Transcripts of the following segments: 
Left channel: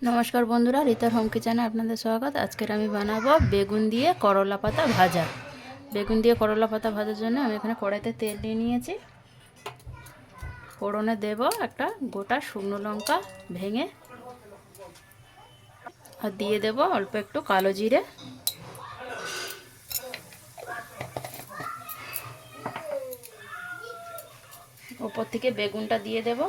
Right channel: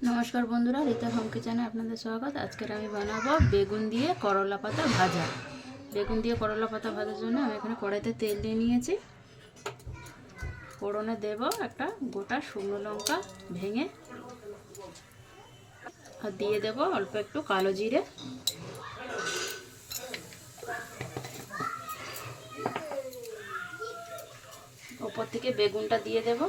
নমস্কার বন্ধুরা রিতার হোম কিচেনে আপনাদের স্বাগত। আজকের আমি বানাবো বেগুন দিয়ে করলা পাতা ভাজা। বেগুন দিয়ে করলা পাতা ভাজার জন্য আমি এখানে কড়াইতে তেল দিয়ে নিয়েছি। ফোড়নে দেব একটা গোটা শুকনো লঙ্কা ভেঙে। আর দিয়ে দেব অল্প একটু কালো জিরে। ওপর থেকে বেগুনটা দিয়ে দেবো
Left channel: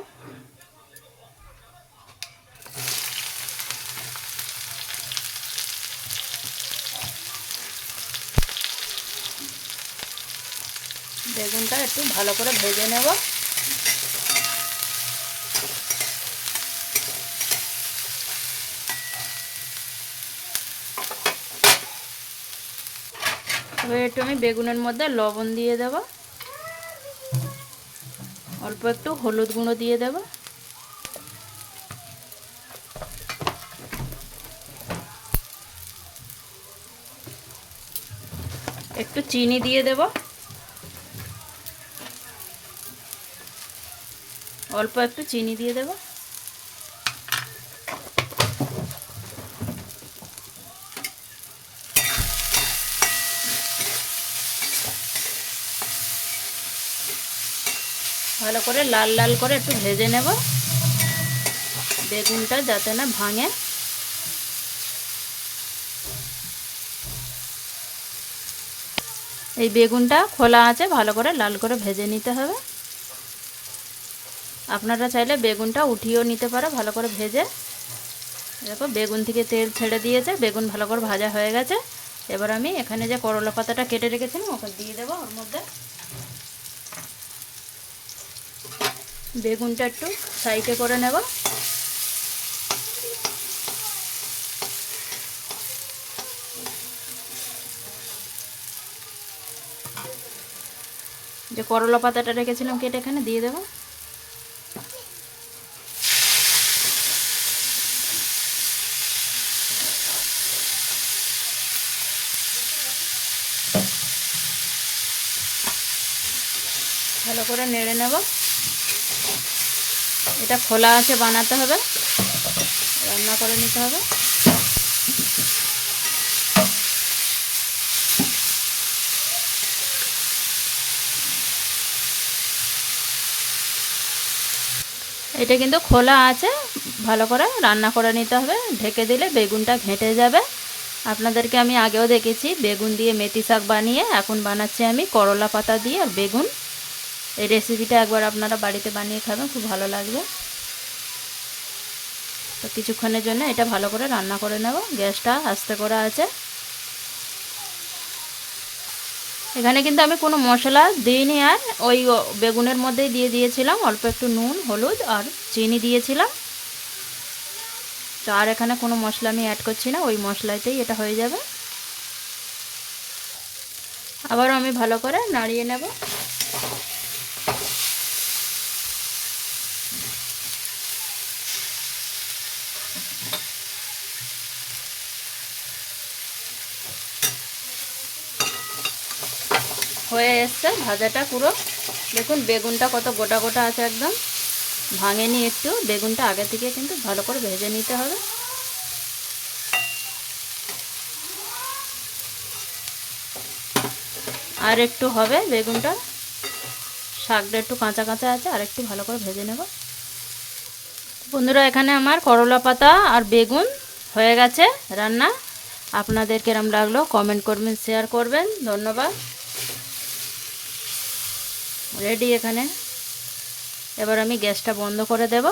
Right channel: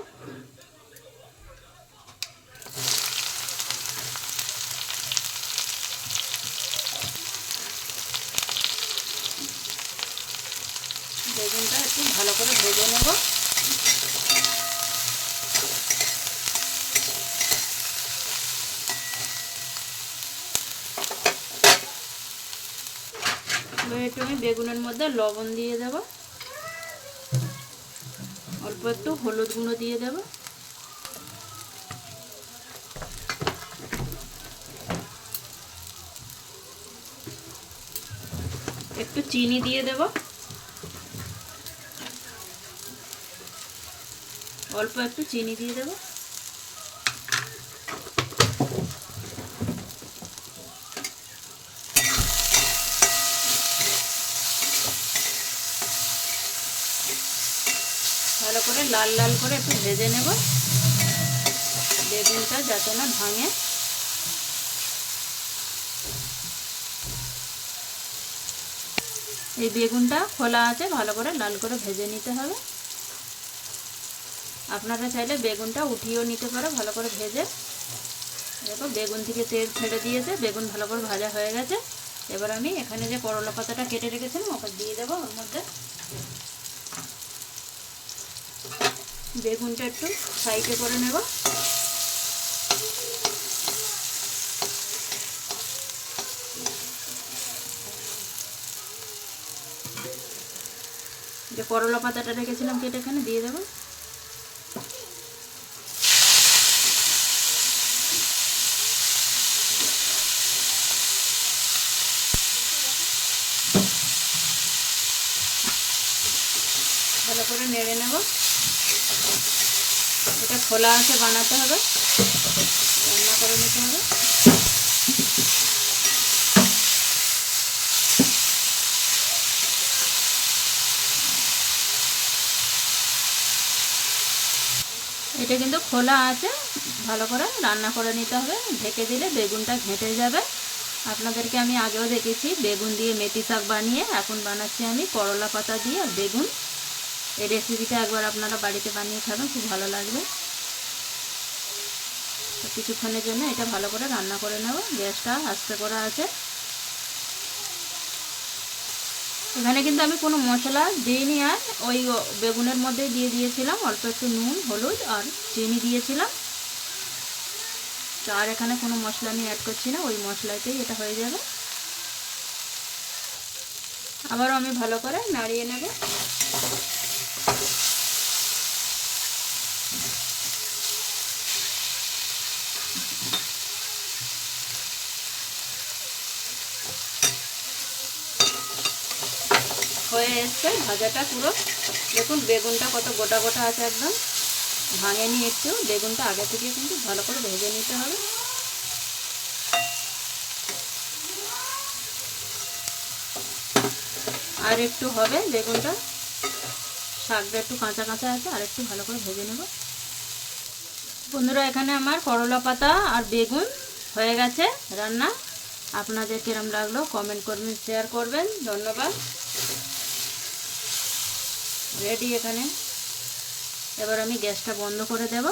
বেগুনটা একটু ভালো করে ভেজে নেব। একটু আমি বেগুনের মধ্যে লবণ দিয়ে দেব। অল্প একটু হলুদ গুঁড়ো দিয়ে দেব। একটু চিনি দিয়ে দেবো। অল্প একটু চিনি দিয়ে দেবো। ভালো করে লাল লাল করে একটু ভেজে নেব। বেগুনটা যাতে না ভাঙে। এই বেগুনটা খোলা আছে, ভালো করে লাল করে ভেজে নিতে হবে। আপনারা চাইলে বেগুনটা উঠিয়েও নিতে পারে, ভালো করে ভেজে। দেখো, বেগুন থেকে তেল ছেড়ে দিয়েছে, বেগুন ভালো করে ভাজা হয়ে গেছে। এবার আমি এখানে যে করলা পাতাটা কেটে রেখেছিলাম ওকে দিয়ে দেবো ওর মধ্যে। বেগুনটা একটু সাইডে করে নেব। যে করলা পাতাটা রেখেছিলাম কেটে এখানে দিয়ে দেবো। ভালো করে নেড়ে নেব। এটা খোলা আছে, বানাতে হবে। রান্না করে নিতে হবে। এটা কিন্তু খোলা আছে, ভালো করে রান্না করে নিতে হবে। ঢেকে দিলে বেগুনটা ঘেঁটে যাবে। আপনাদেরকে আমি আগেও দেখেছি, বেগুন দিয়ে মেথি শাক বানিয়ে এখন বানাচ্ছি আমি করলা পাতা দিয়ে বেগুন। এই রেসিপিটা একবার আপনারা বাড়িতে বানিয়ে খাবেন, খুব ভালো লাগবে। তো কিছুক্ষণের জন্য এটা ভালো করে রান্না করে নেব। গ্যাসটা আস্তে করে আছে। এখানে কিন্তু আমি কোনো মশলা দিইনি আর, ওই বেগুনের মধ্যেই দিয়ে দিয়েছিলাম। অল্প একটু নুন, হলুদ আর চিনি দিয়েছিলাম। তো আর এখানে কোনো মশলা আমি অ্যাড করছি না, ওই মশলাতেই এটা হয়ে যাবে। আবারও আমি ভালো করে নাড়িয়ে নেব। হয়ে এসছে। ভাজাটা পুরো। দেখুন, বেগুনটা কত গোটা গোটা আছে একদম। ভাঙেনি একটু। বেগুনটা আগে থেকে কিন্তু ভালো করে ভেজে নিতে হবে। আর একটু হবে বেগুনটা। শাকটা একটু কাঁচা কাঁচা আছে, আর একটু ভালো করে ভেজে নেব। বন্ধুরা, এখানে আমার করলা পাতা আর বেগুন হয়ে গেছে রান্না। আপনাদের কেরম লাগল, কমেন্ট করবেন শেয়ার করবেন। ধন্যবাদ। রেডি এখানে। এবার আমি গ্যাসটা বন্ধ করে দেব।